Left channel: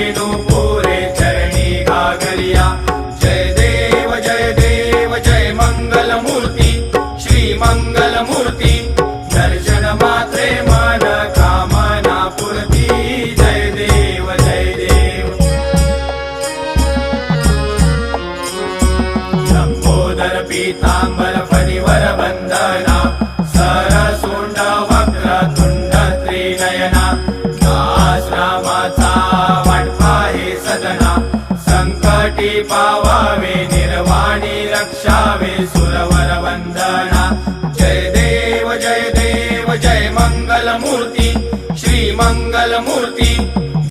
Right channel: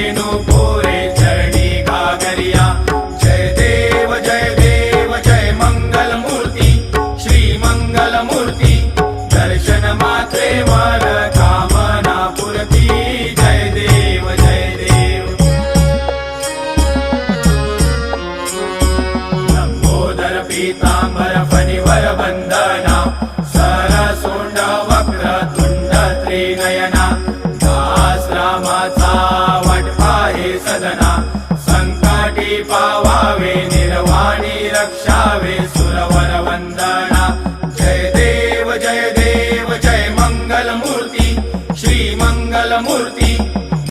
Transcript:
रेणू पुरे चरणी घागरिया। जय देव जय मंगल मूर्ती श्री मंगल मूर्ती। दर्शन मात्रे मन कामना पूर्ती। जय देव जय देव। लंबोदर पीतांबर फणिवर बंदना। सरसुंड वक्र तुंड त्रिनयना। दास रामाचा वाटपा हे सदना। संकटी पावावे निर्वाणी रक्षावे सुरवर वंदना। जय देव जय मंगल मूर्ती श्री मंगल मूर्ती।